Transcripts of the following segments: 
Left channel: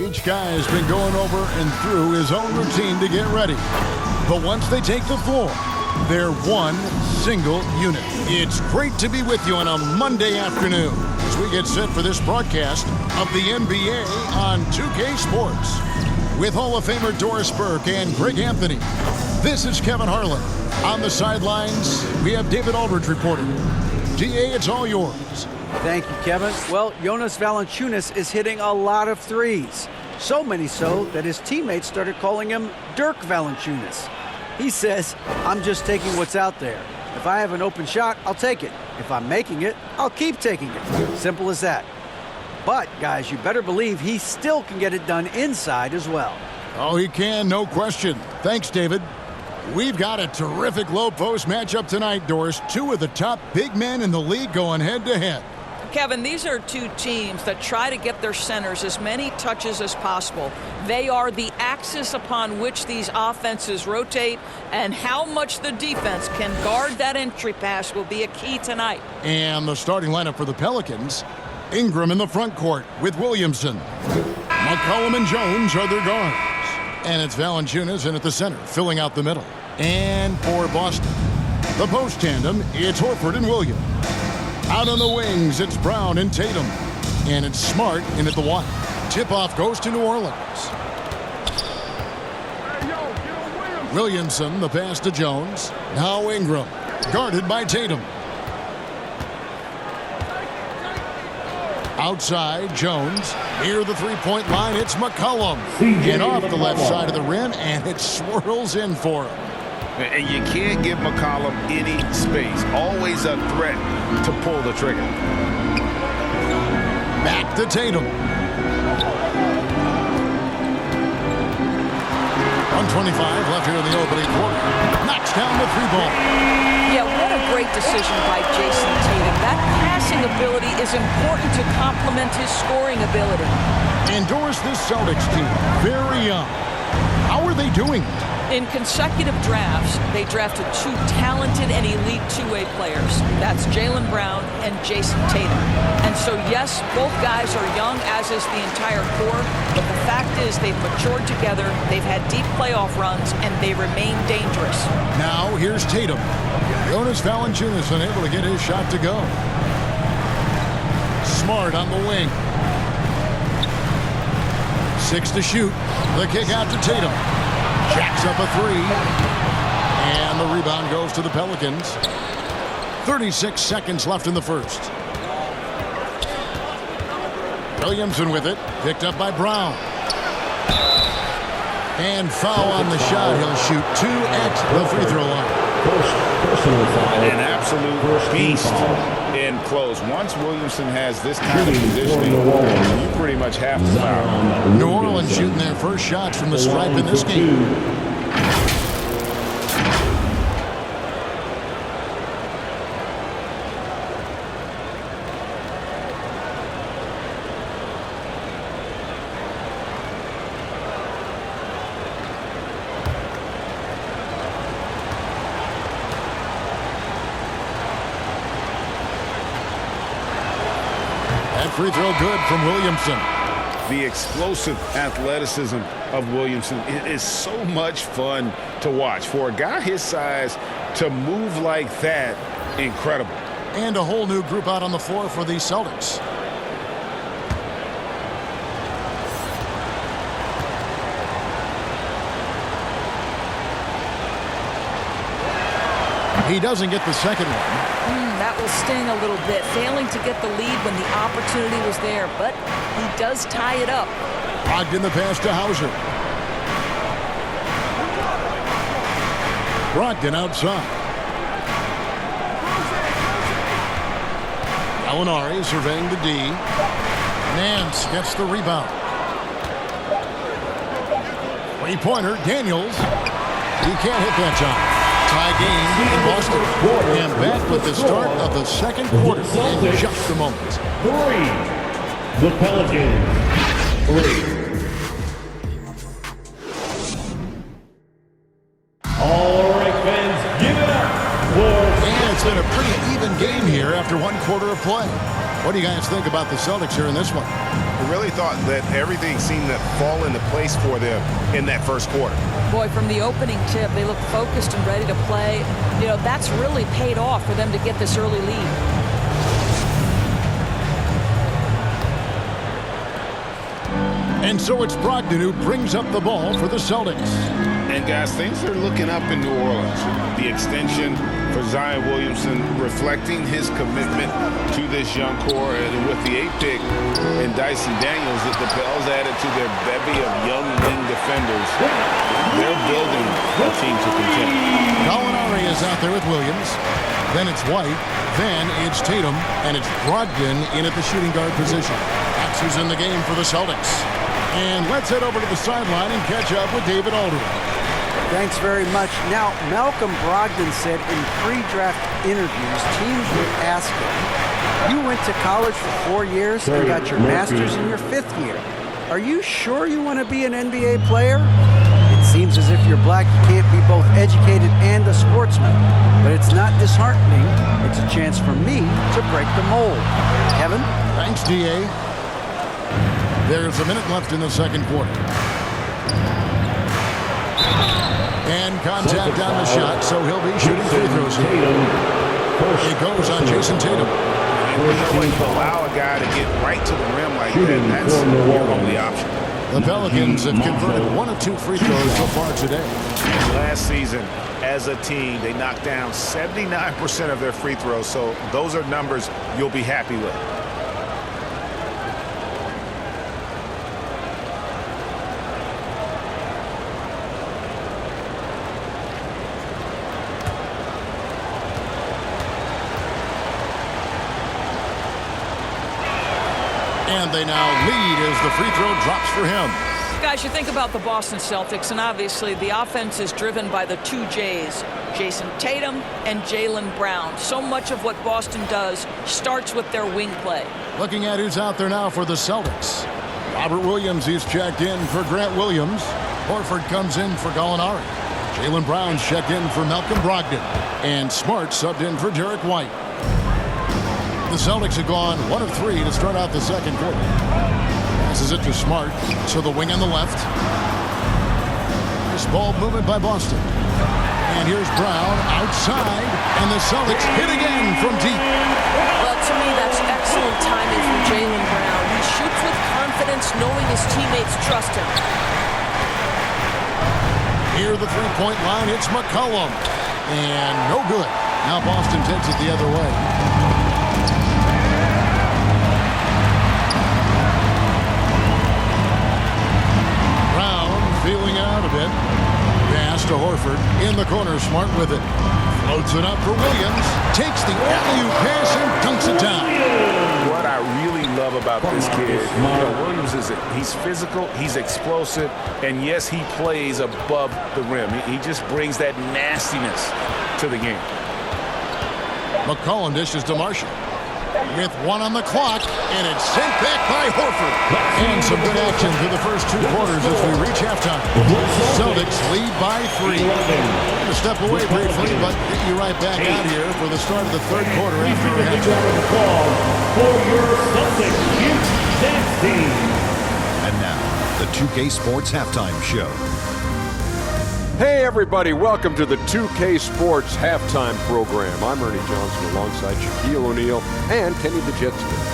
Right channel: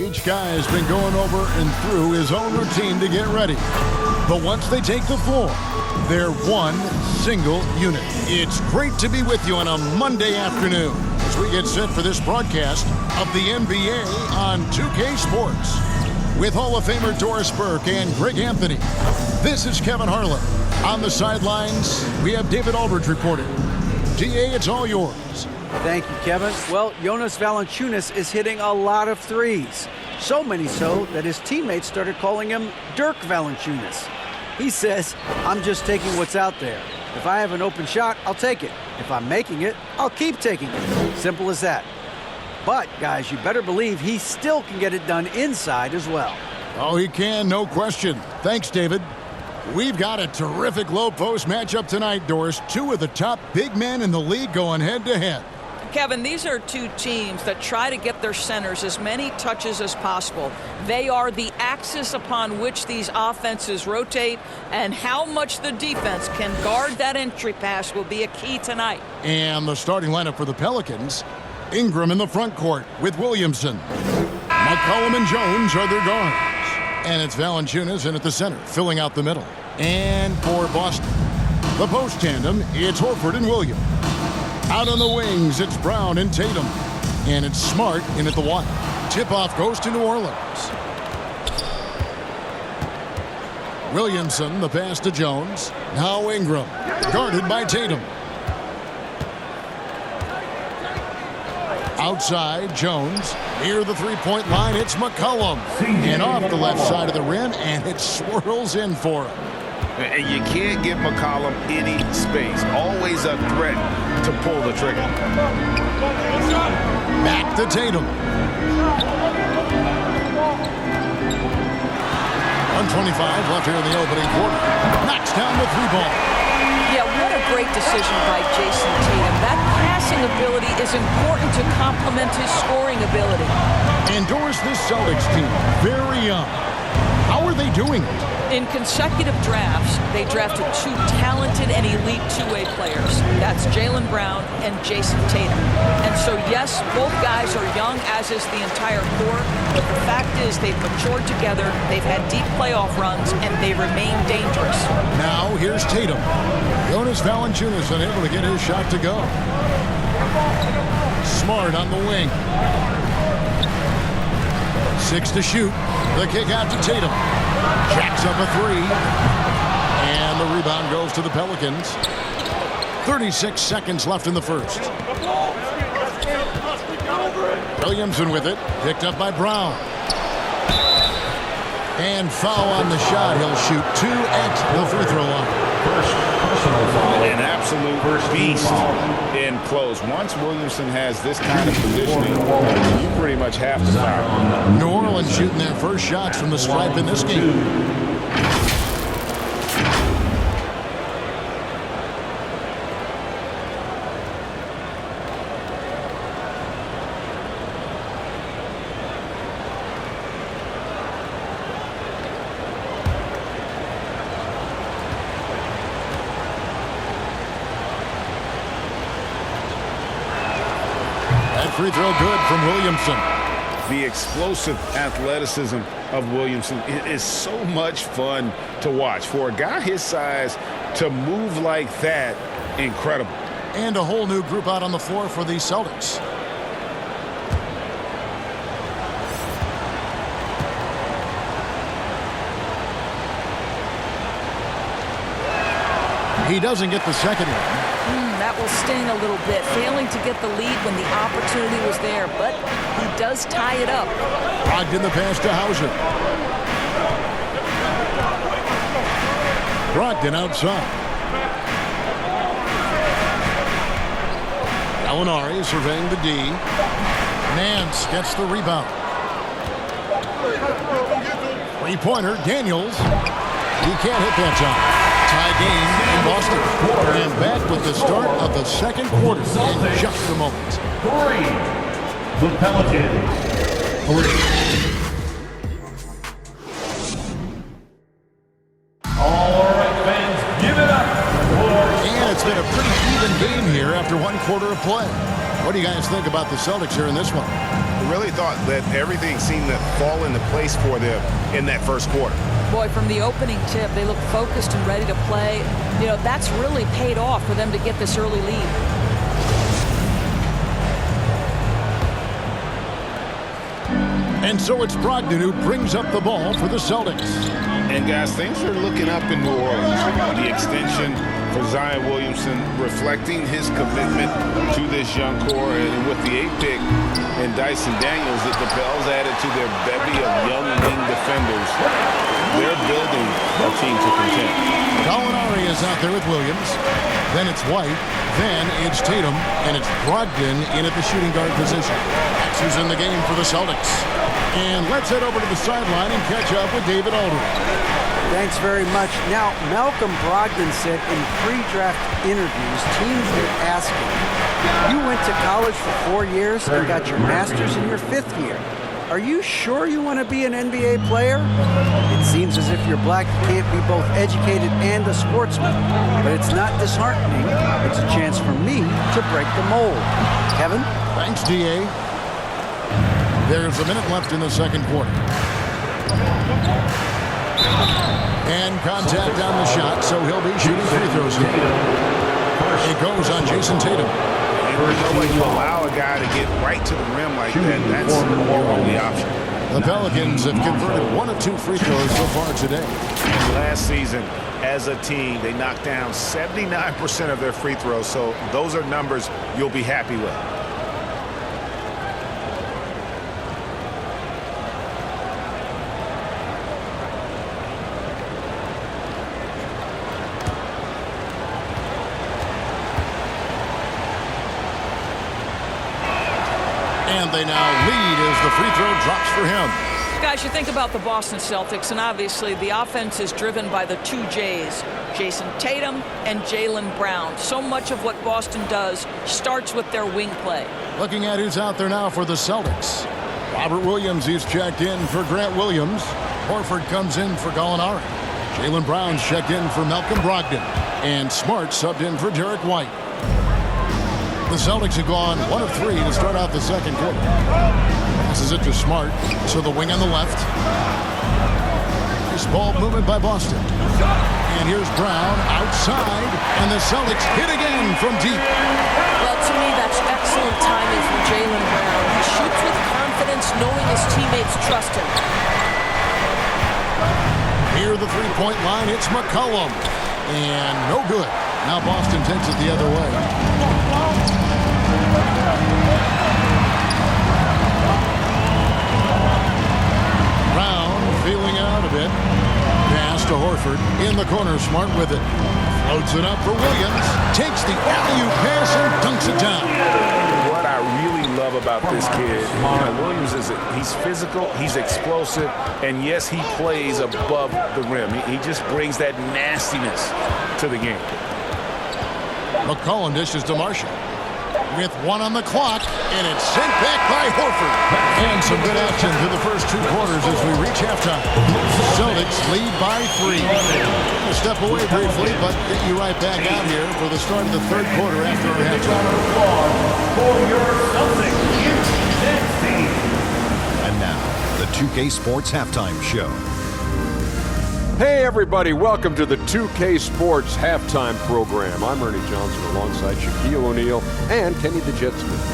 Each guy has been going over and through his own routine to get ready. But once they take the floor, they're one single unit. It's great to be with you on a Monday afternoon as we get set for this broadcast of the NBA on 2K Sports. With Hall of Famer Doris Burke and Greg Anthony, this is Kevin Harlan. On the sidelines, we have David Aldridge reporting. DA, it's all yours. Thank you, Kevin. Well, Jonas Valanciunas is hitting a lot of threes. So many so that his teammates started calling him Dirk Valanciunas. He says, I'm just taking what's out there. If I have an open shot, I'll take it. If I'm making it, I'll keep taking it. Simple as that. But, guys, you better believe he still can get it done inside as well. Oh, he can, no question. Thanks, David. We've got a terrific low-post matchup tonight, Doris. Two of the top big men in the league going head-to-head. Kevin, these are two teams that try to get their centers as many touches as possible. They are the axis upon which these offenses rotate, and how much the defense can guard that entry pass will be a key tonight. And the starting lineup for the Pelicans, Ingram in the front court with Williamson. McCollum and Jones are their guards. And it's Valanciunas in at the center, filling out the middle. And for Boston, the post tandem, it's Horford and Williams. Out on the wings, it's Brown and Tatum. And it's Smart in at the one. Tip-off goes to New Orleans. Williamson, the pass to Jones. Now Ingram, guarded by Tatum. Outside, Jones. Near the three-point line, it's McCollum. And off the left side of the rim, and it swirls in for him. And you can't give McCollum any space. Always a threat to pull the trigger. Back to Tatum. 1:25 left here in the opening quarter. Knocks down the three ball. Yeah, what a great decision by Jason Tatum. That passing ability is important to complement his scoring ability. And Doris, this Celtics team, very young. How are they doing it? In consecutive drafts, they drafted two talented and elite two-way players. That's Jaylen Brown and Jason Tatum. And so, yes, both guys are young, as is the entire core. But the fact is they've matured together, they've had deep playoff runs, and they remain dangerous. Now, here's Tatum. Jonas Valanciunas unable to get his shot to go. Smart on the wing. 6 to shoot. The kick out to Tatum. Jacks up a three. And the rebound goes to the Pelicans. 36 seconds left in the first. Williamson with it. Picked up by Brown. And foul on the shot. He'll shoot 2 at the free throw line. Personal foul. An absolute beast in close. Once Williamson has this kind of positioning, you pretty much have to foul. New Orleans shooting their first shots from the stripe in this game. That free throw good from Williamson. The explosive athleticism of Williamson is so much fun to watch. For a guy his size to move like that, incredible. And a whole new group out on the floor for the Celtics. He doesn't get the second one. That will sting a little bit, failing to get the lead when the opportunity was there, but he does tie it up. Logged in the pass to Hauser. Brogdon outside. Gallinari surveying the D. Nance gets the rebound. Three-pointer, Daniels. He can't hit that shot. Tie game in Boston. And back with the start of the second quarter in just a moment. 3. The Pelicans. 3. All right, fans, give it up for... And it's been a pretty even game here after one quarter of play. What do you guys think about the Celtics here in this one? I really thought that everything seemed to fall into place for them in that first quarter. Boy, from the opening tip, they look focused and ready to play. You know, that's really paid off for them to get this early lead. And so it's Brogdon who brings up the ball for the Celtics. And guys, things are looking up in New Orleans. The extension for Zion Williamson reflecting his commitment to this young core. And with the 8th pick and Dyson Daniels, the Pels added to their bevy of young wing defenders. They're building a team to contend. Gallinari is out there with Williams. Then it's White. Then it's Tatum. And it's Brogdon in at the shooting guard position. That's who's in the game for the Celtics. And let's head over to the sideline and catch up with David Aldridge. Thanks very much. Now, Malcolm Brogdon said in pre-draft interviews, teams would ask him, you went to college for 4 years and got your master's in your 5th year. Are you sure you want to be an NBA player? It seems as if you're black, you can't be both educated and a sportsman. But it's not disheartening. It's a chance for me to break the mold. Kevin? Thanks, D.A. There's a minute left in the second quarter. And contact on the shot, so he'll be shooting free throws here. It goes on Jason Tatum. And you know when you allow a guy to get right to the rim like that, that's your only option. The Pelicans have converted 1 of 2 free throws so far today. Last season, as a team, they knocked down 79% of their free throws, so those are numbers you'll be happy with. And they now lead as the free throw drops for him. Guys, you think about the Boston Celtics, and obviously the offense is driven by the 2 J's, Jason Tatum and Jaylen Brown. So much of what Boston does starts with their wing play. Looking at who's out there now for the Celtics. Robert Williams, he's checked in for Grant Williams. Horford comes in for Gallinari. Jaylen Brown's checked in for Malcolm Brogdon. And Smart subbed in for Derek White. The Celtics have gone 1 of 3 to start out the second quarter. Passes it to Smart, so the wing on the left. Nice ball movement by Boston. And here's Brown outside, and the Celtics hit again from deep. Well, to me, that's excellent timing from Jaylen Brown. He shoots with confidence, knowing his teammates trust him. Near the three-point line, it's McCollum. And no good. Now Boston takes it the other way. Brown feeling it out a bit. Pass to Horford. In the corner, Smart with it. Floats it up for Williams. Takes the alley-oop pass and dunks it down. What I really love about this kid, Williams he's physical, he's explosive, and yes, he plays above the rim. He just brings that nastiness to the game. McCollum dishes to Marshall. With 1 on the clock, and it's sent back by Horford. And some good action through the first 2 quarters as we reach halftime. Celtics lead by 3. We're going to step away briefly, but get you right back out here for the start of the third quarter after our halftime. For your Celtics Dance Team. And now, the 2K Sports Halftime Show. Hey everybody, welcome to the 2K Sports Halftime Program. I'm Ernie Johnson alongside Shaquille O'Neal and Kenny the Jet Smith.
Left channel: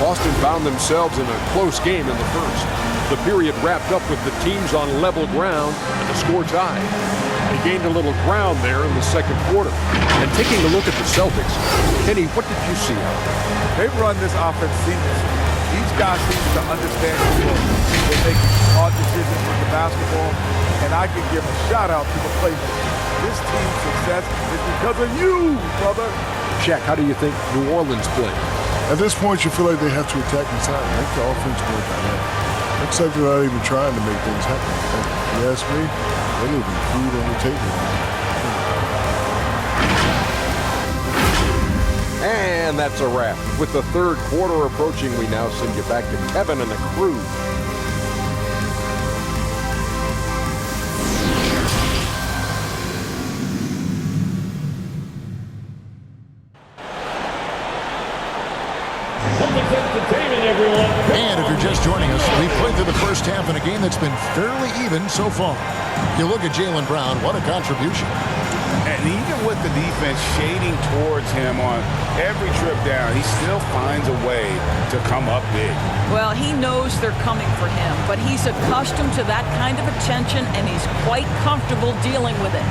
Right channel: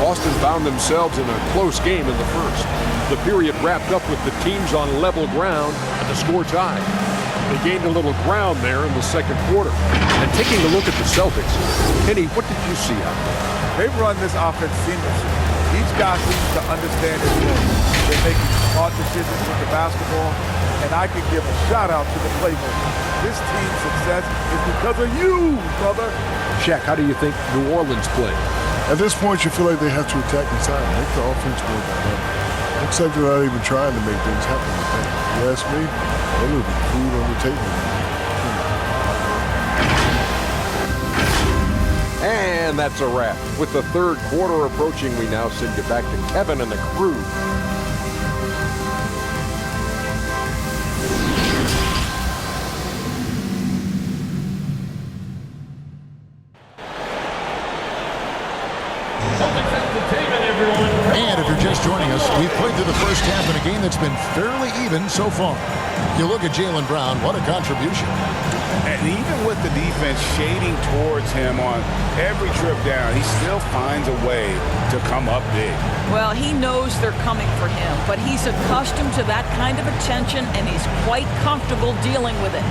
Boston found themselves in a close game in the first. The period wrapped up with the teams on level ground and the score tied. They gained a little ground there in the second quarter. And taking a look at the Celtics, Kenny, what did you see out there? They've run this offense seamlessly. Each guy seems to understand his role. They're making smart decisions with the basketball, and I can give a shout-out to the playmakers. This team's success is because of you, brother. Shaq, how do you think New Orleans played? At this point, you feel like they have to attack inside, make the offense more dynamic. Looks like they're not even trying to make things happen. If you ask me, they're leaving food on the table. And that's a wrap. With the third quarter approaching, we now send you back to Kevin and the crew. Celtics Entertainment you're just joining us, we've played through the first half in a game that's been fairly even so far. You look at Jaylen Brown, what a contribution. And even with the defense shading towards him on every trip down, he still finds a way to come up big. Well, he knows they're coming for him, but he's accustomed to that kind of attention, and he's quite comfortable dealing with it.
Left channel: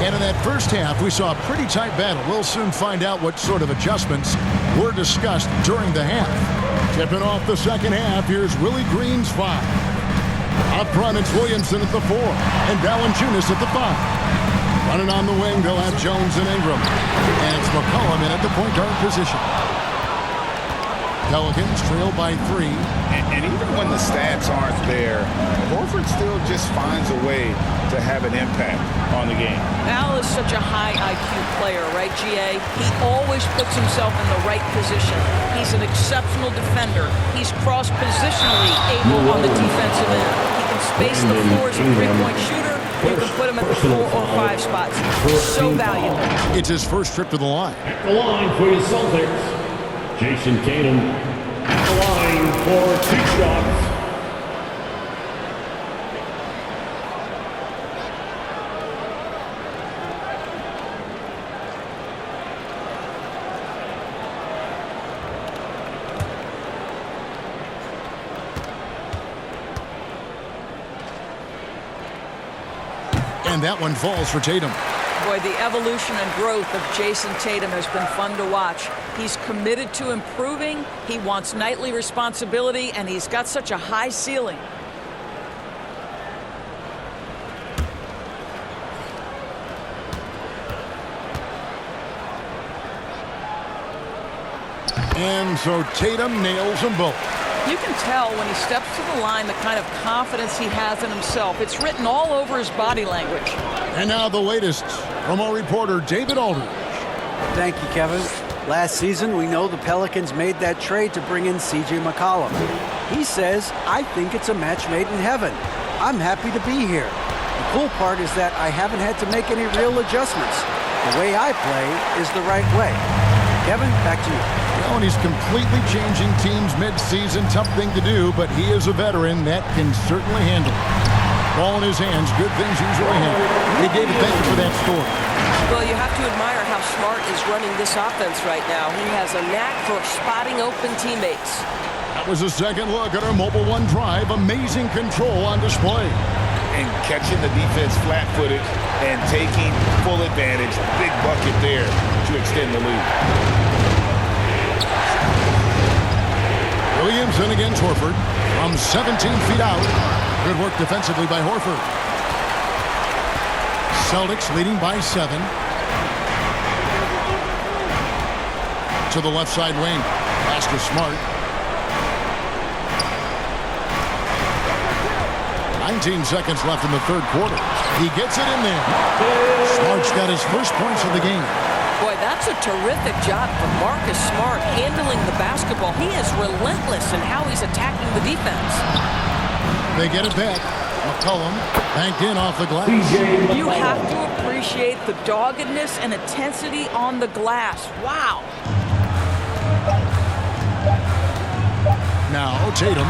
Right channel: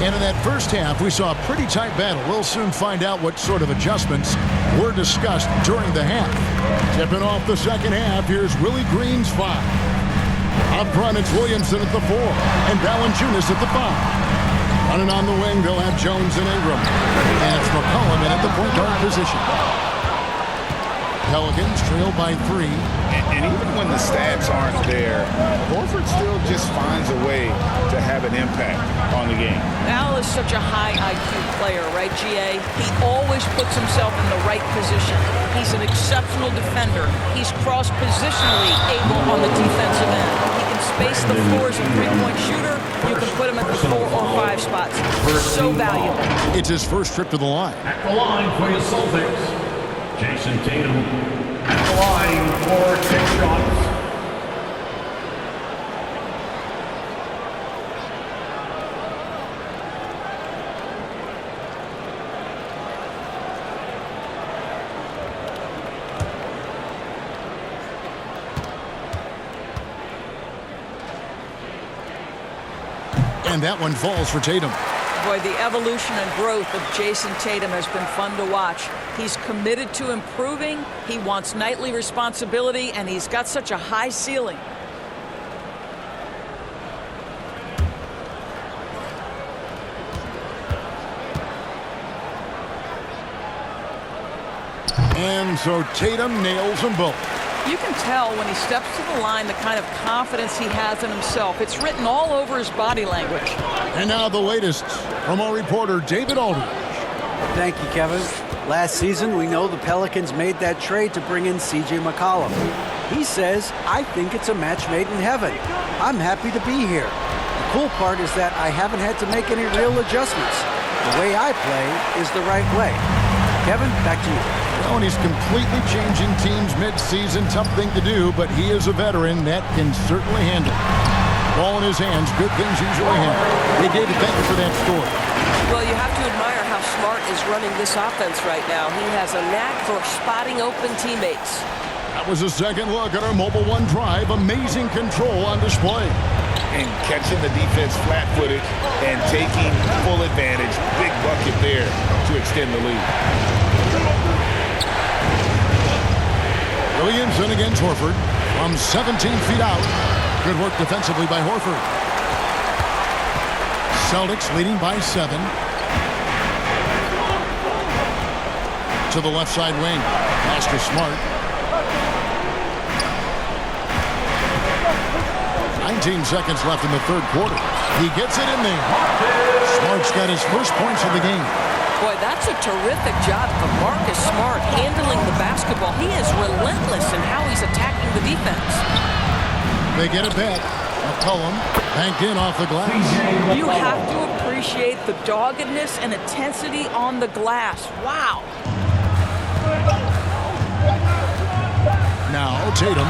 And in that first half, we saw a pretty tight battle. We'll soon find out what sort of adjustments were discussed during the half. Tipping off the second half, here's Willie Green's 5. Up front, it's Williamson at the 4, and Valanciunas at the 5. Running on the wing, they'll have Jones and Ingram. And it's McCollum in at the point guard position. Pelicans trail by 3. And even when the stats aren't there, Horford still just finds a way to have an impact on the game. Al is such a high IQ player, right, GA? He always puts himself in the right position. He's an exceptional defender. He's cross-positionally able on the defensive end. He can space the floor as a three-point shooter. You can put him at the 4 or 5 spots. So valuable. It's his first trip to the line. At the line for your Celtics, Jason Tatum. At the line for 6 shots. And that one falls for Tatum. Boy, the evolution and growth of Jason Tatum has been fun to watch. He's committed to improving, he wants nightly responsibility, and he's got such a high ceiling. And so Tatum nails them both. You can tell when he steps to the line the kind of confidence he has in himself. It's written all over his body language. And now the latest from our reporter, David Aldridge. Thank you, Kevin. Last season, we know the Pelicans made that trade to bring in C.J. McCollum. He says, I think it's a match made in heaven. I'm happy to be here. The cool part is that I haven't had to make any real adjustments. The way I play is the right way. Kevin, back to you. Well, and he's completely changing teams mid-season. Tough thing to do, but he is a veteran that can certainly handle it. Ball in his hands, good things usually happen. Hey, David, thank you for that story. Well, you have to admire how Smart is running this offense right now. He has a knack for spotting open teammates. That was a second look at our Mobile One drive. Amazing control on display. And catching the defense flat-footed and taking full advantage. Big bucket there to extend the lead. Williamson against Horford from 17 feet out. Good work defensively by Horford. Celtics leading by 7. To the left side wing. Pass to Smart. 19 seconds left in the third quarter. He gets it in there. Smart's got his first points of the game. Boy, that's a terrific job of Marcus Smart handling the basketball. He is relentless in how he's attacking the defense. They get it back. McCollum banked in off the glass. You have to appreciate the doggedness and intensity on the glass. Wow. Now Tatum.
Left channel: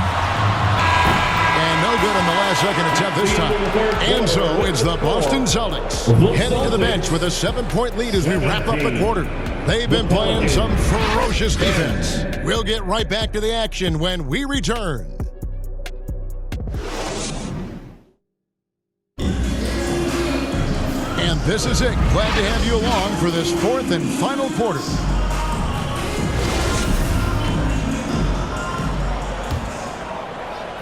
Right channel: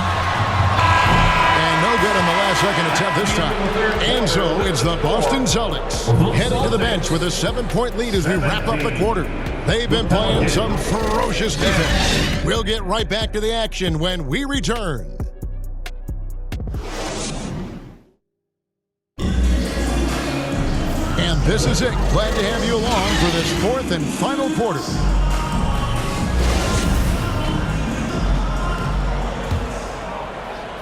And no good on the last second attempt this time. And so it's the Boston Celtics heading to the bench with a 7-point lead as we wrap up the quarter. They've been playing some ferocious defense. We'll get right back to the action when we return. And this is it. Glad to have you along for this fourth and final quarter.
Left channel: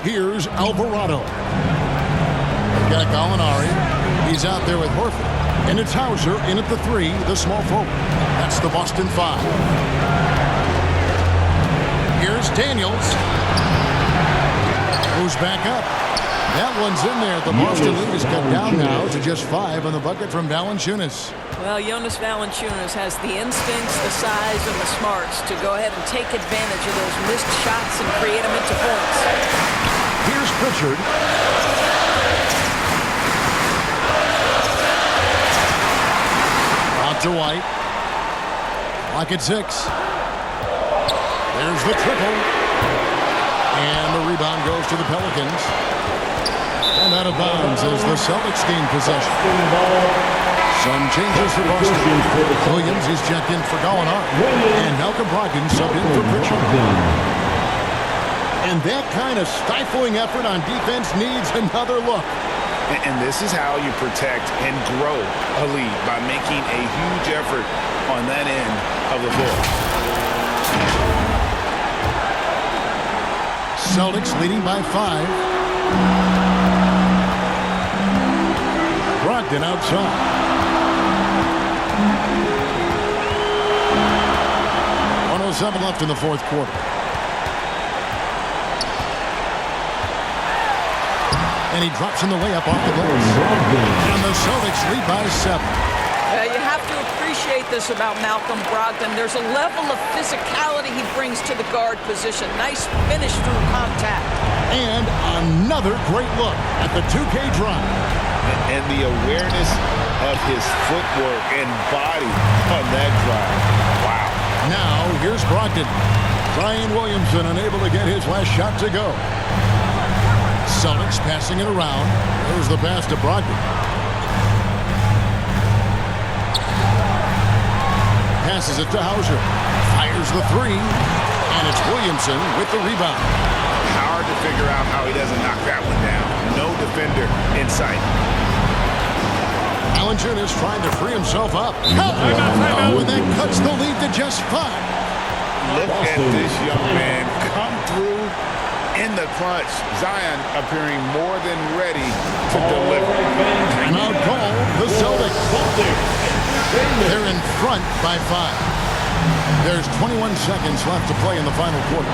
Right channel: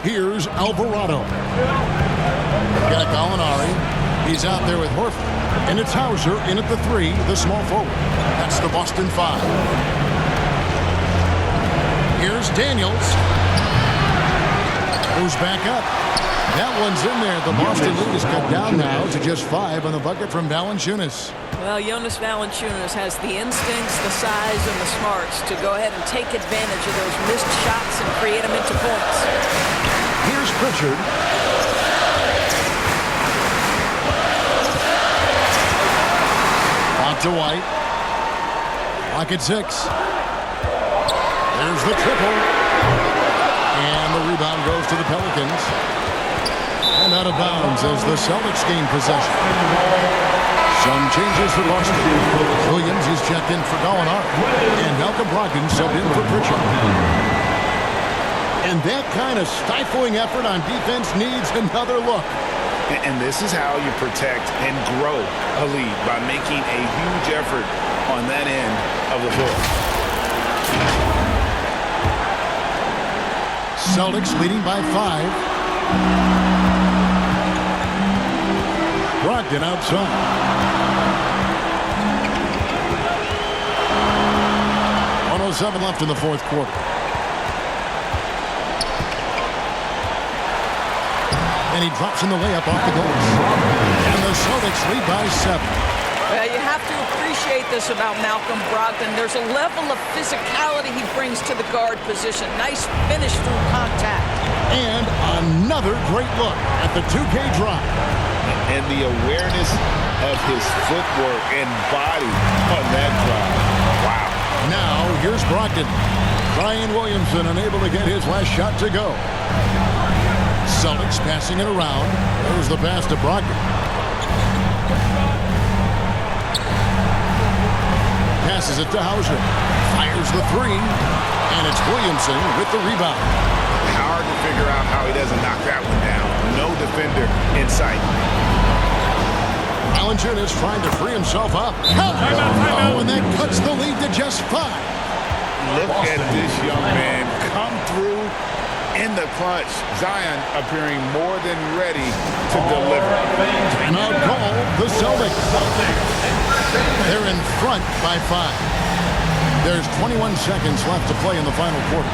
Here's Alvarado. Got Gallinari. He's out there with Horford. And it's Hauser in at the 3, the small forward. That's the Boston 5. Here's Daniels. Who's back up. That one's in there. The Boston lead is cut down now to just 5 on the bucket from Valanciunas. Well, Jonas Valanciunas has the instincts, the size, and the smarts to go ahead and take advantage of those missed shots and create them into points. Here's Pritchard. Out to White. Clock at 6. There's the triple. And the rebound goes to the Pelicans. And out of bounds as the Celtics gain possession. Some changes for Boston. Williams is checked in for Gallinari. And Malcolm Brogdon subbed in for Pritchard. And that kind of stifling effort on defense needs another look. And this is how you protect and grow a lead, by making a huge effort on that end of the floor. Celtics leading by 5. Brogdon outside. 1:07 left in the fourth quarter. And he drops in the layup off the glass. And the Celtics lead by 7. You have to appreciate this about Malcolm Brogdon. There's a level of physicality he brings to the guard position. Nice finish through contact. And another great look at the 2K drive. And the awareness of his footwork and body on that drive. Wow. Now, here's Brogdon. Zion Williamson unable to get his last shot to go. Celtics passing it around. There's the pass to Brogdon. Passes it to Hauser. Fires the 3. And it's Williamson with the rebound. Hard to figure out how he doesn't knock that one down. No defender in sight. Valanciunas trying to free himself up. Oh, and that cuts the lead to just 5. Look at this young man come through in the clutch. Zion appearing more than ready to deliver. Timeout call, the Celtics. They're in front by 5. There's 21 seconds left to play in the final quarter.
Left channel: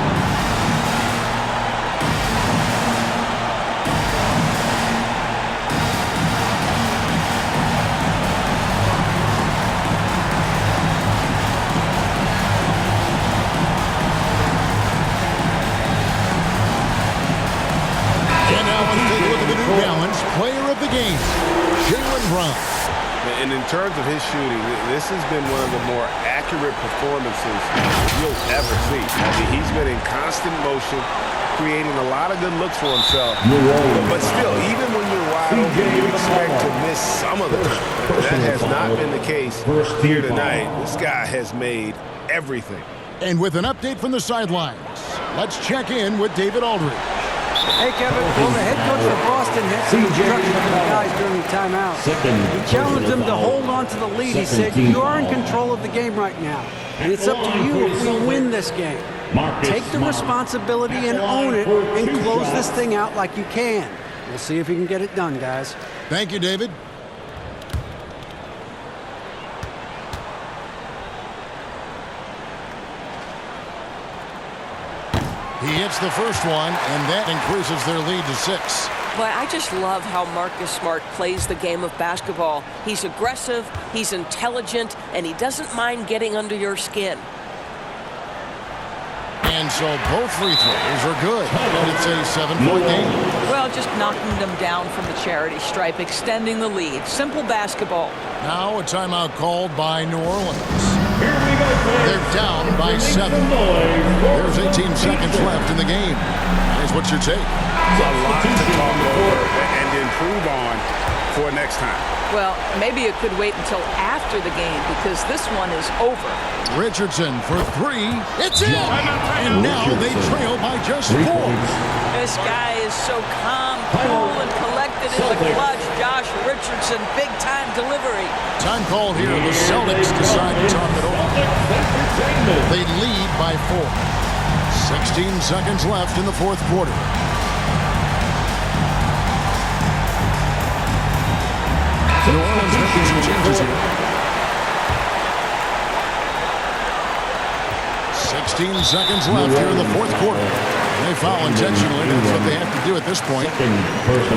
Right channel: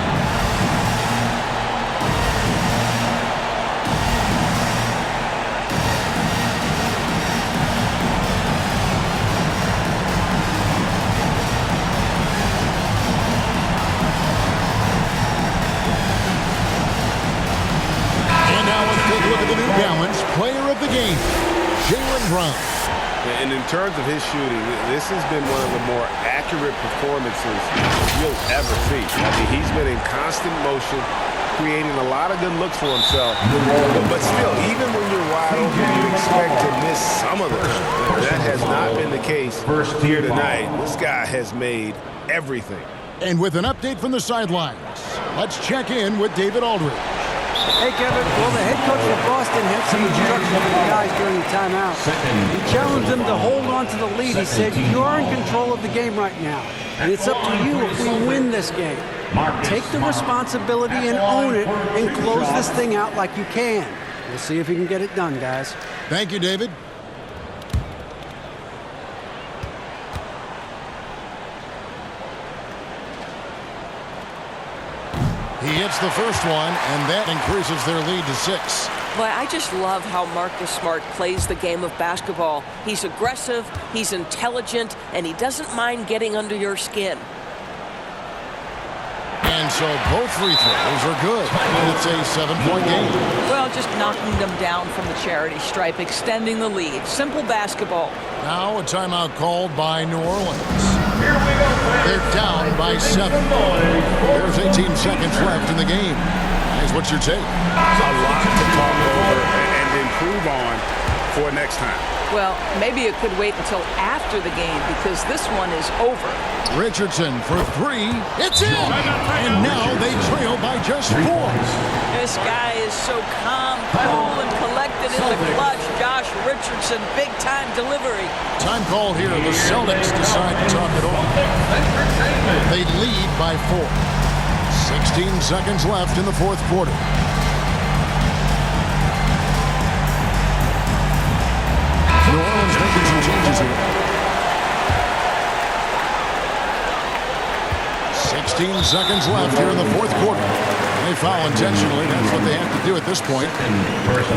Take a look at the New Balance player of the game, Jaylen Brown. And in terms of his shooting, this has been one of the more accurate performances you'll ever see. I mean, he's been in constant motion, creating a lot of good looks for himself. But still, even when you're wide open, you expect to miss some of the time. That has not been the case here tonight. This guy has made everything. And with an update from the sidelines, let's check in with David Aldridge. Hey, Kevin. Well, the head coach of Boston had some instructions for the guys during the timeout. He challenged them to hold on to the lead. He said, you're in control of the game right now, and it's up to you if we win this game. Take the responsibility and own it and close this thing out like you can. We'll see if you can get it done, guys. Thank you, David. He hits the first one, and that increases their lead to 6. Boy, I just love how Marcus Smart plays the game of basketball. He's aggressive, he's intelligent, and he doesn't mind getting under your skin. And so both free throws are good, and it's a 7-point game. Well, just knocking them down from the charity stripe, extending the lead. Simple basketball. Now a timeout called by New Orleans. They're down by 7. There's 18 seconds left in the game. Guys, what's your take? A lot to talk over and improve on for next time. Well, maybe it could wait until after the game because this one is over. Richardson for 3. It's in! And now they trail by just 4. This guy is so calm, cool, and collected in the clutch. Josh Richardson, big-time delivery. Time called here. The Celtics decide to talk it over. They lead by 4. 16 seconds left in the fourth quarter. New Orleans making some changes here. 16 seconds left here in the fourth quarter. They foul intentionally. That's what they have to do at this point.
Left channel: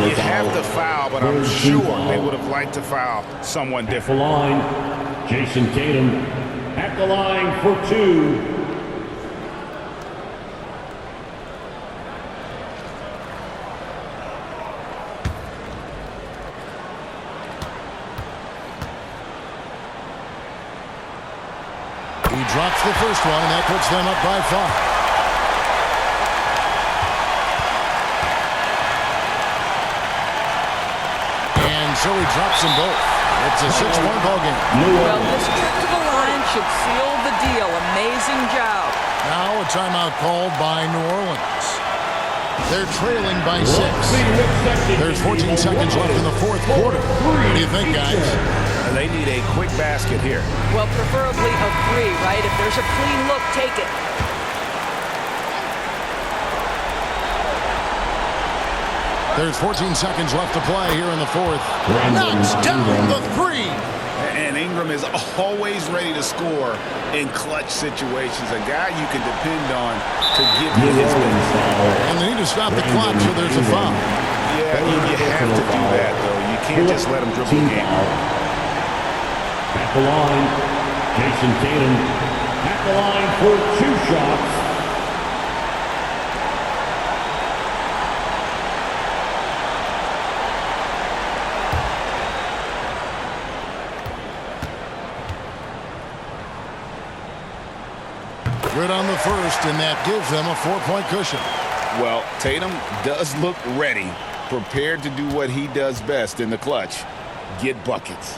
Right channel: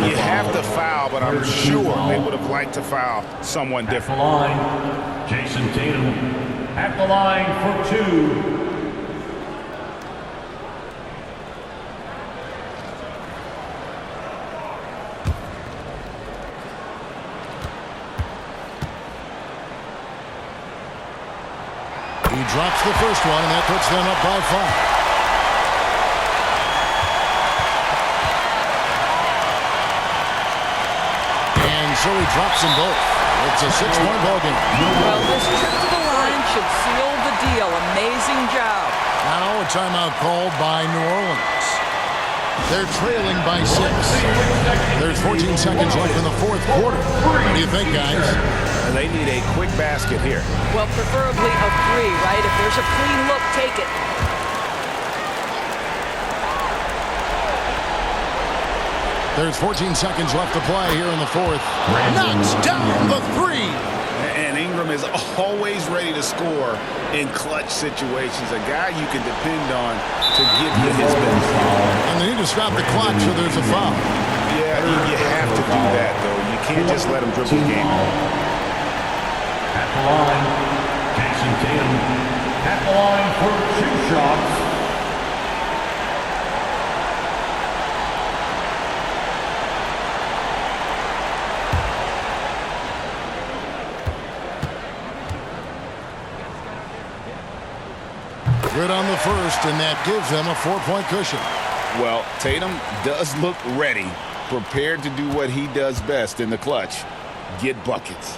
You have to foul, but I'm sure they would have liked to foul someone different. At the line, Jason Tatum. At the line for 2. He drops the first one, and that puts them up by 5. so he drops them both. It's a 6-point ball game. Well, this trip to the line should seal the deal. Amazing job. Now a timeout called by New Orleans. They're trailing by 6. There's 14 seconds left in the fourth quarter. What do you think, guys? They need a quick basket here. Well, preferably a 3, right? If there's a clean look, take it. There's 14 seconds left to play here in the fourth. Knocks down the 3. And Ingram is always ready to score in clutch situations. A guy you can depend on to give you his best. And they need to stop the clock, so there's a foul. Yeah, you have to do that, though. You can't just let him dribble the game. At the line, Jason Tatum. At the line for 2 shots. Good on the first, and that gives them a 4-point cushion. Well, Tatum does look ready, prepared to do what he does best in the clutch, get buckets.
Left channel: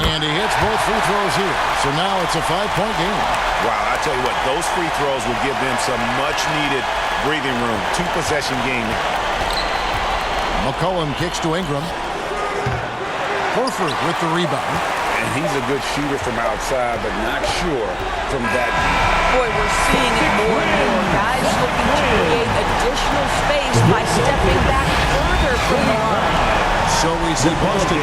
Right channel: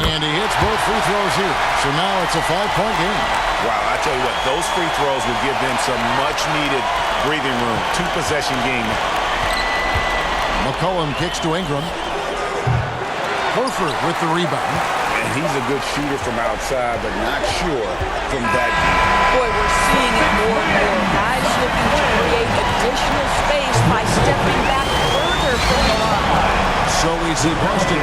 And he hits both free throws here, so now it's a 5-point game. Wow, I tell you what, those free throws will give them some much-needed breathing room. 2-possession game now. McCollum kicks to Ingram. Horford with the rebound. And he's a good shooter from outside, but not sure from that deep. Boy, we're seeing it more and more. Guys looking to create additional space by stepping back further from the line. So we see Boston